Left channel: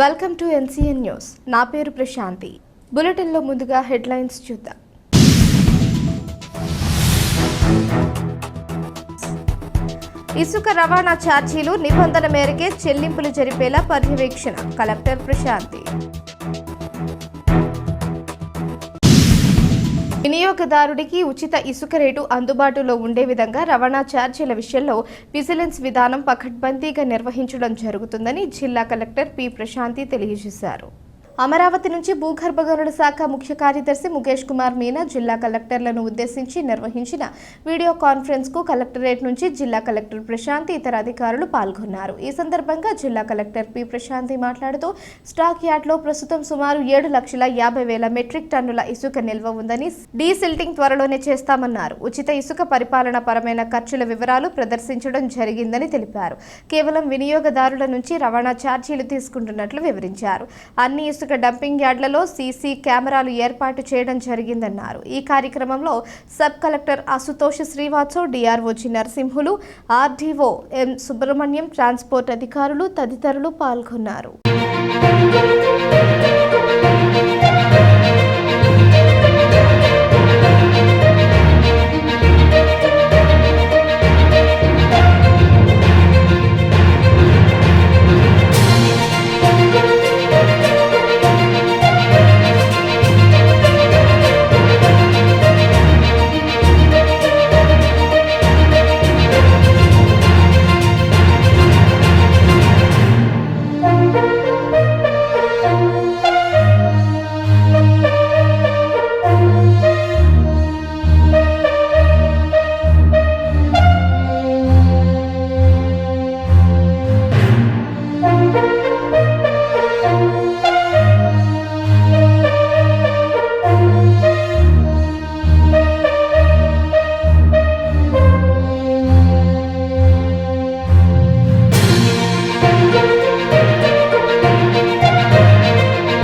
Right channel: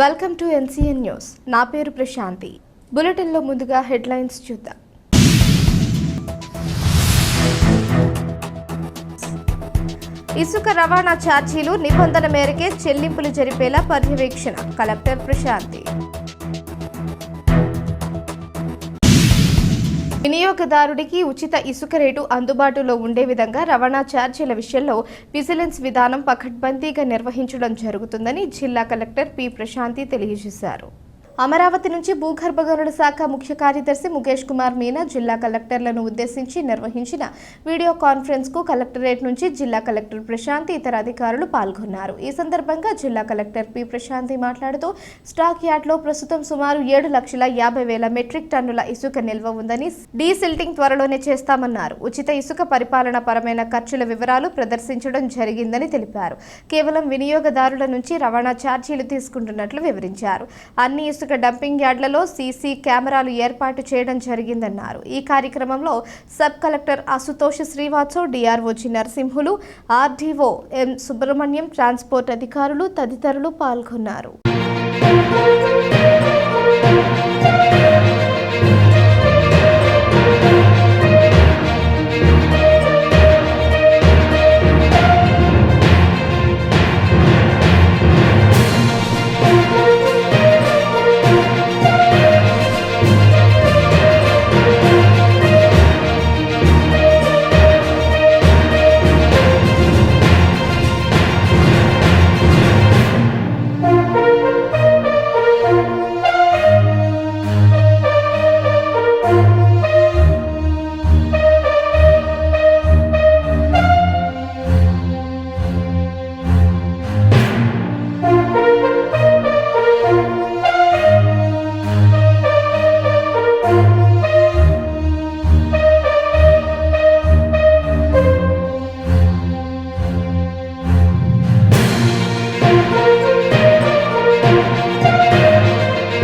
Welcome to NCN news. నా పేరు ప్రశాంతి. బులెటిన్లో ముందుగా హెడ్లైన్స్ చూద్దాం. ఇసుక రవాణా ఛార్జీలు నిబంధన మేరకే చెల్లింపులు జరిపేలా పర్యవేక్షణ. కలెక్టర్ ప్రశాంతి. వినియోగదారుడికి ఉచిత ఇసుక రేటు అందుబాటులో ఉండే విధంగా రవాణా ఛార్జీల విషయంలో విజిలెన్స్ విధానం పకడ్బందీగా నిర్వహించడం జరుగుతుందని జిల్లా కలెక్టర్ పి ప్రశాంతి తెలియజేశారు. అమరావతి నుంచి భూగర్భ గనుల శాఖ ముఖ్య కార్యదర్శి ముఖేష్ కుమార్ మీనా జిల్లా కలెక్టర్లను ఉద్దేశించి నిర్వహించిన వీడియో కాన్ఫరెన్స్ కు కలెక్టరేట్ నుంచి జిల్లా కలెక్టర్ ప్రశాంతి ఇతర అధికారులు పాల్గొన్నారు. ఈ సందర్భంగా జిల్లా కలెక్టర్ పి ప్రశాంతి మాట్లాడుతూ స్టాక్ యార్డ్లో ప్రస్తుతం సుమారు 7,50,000 మెట్రిక్ టన్నుల ఇసుక నిల్వ ఉందని, డీసిల్టింగ్ త్వరలోనే చేస్తామన్నారు. ఉచిత ఇసుక పరిపాలన పరమైన ఖర్చుల వివరాలు ప్రదర్శించడం జరిగిందని తెలిపారు. కేవలం వినియోగదారుల నుంచి రవాణా ఛార్జీలు తీసుకుంటున్నట్లు వివరించారు. అన్ని ఇసుక డంపింగ్ యార్డ్లలో సీసీ కెమెరాలు ఏర్పాటు చేయడం జరిగిందన్నారు. ఈ కార్యక్రమంలో sub collector Ashutosh Srivastav, DRO G Narasimhulu, RDO ఎం సుబ్రహ్మణ్యం, ట్రాన్స్పోర్ట్ అధికారులు తదితరులు పాల్గొన్నారు.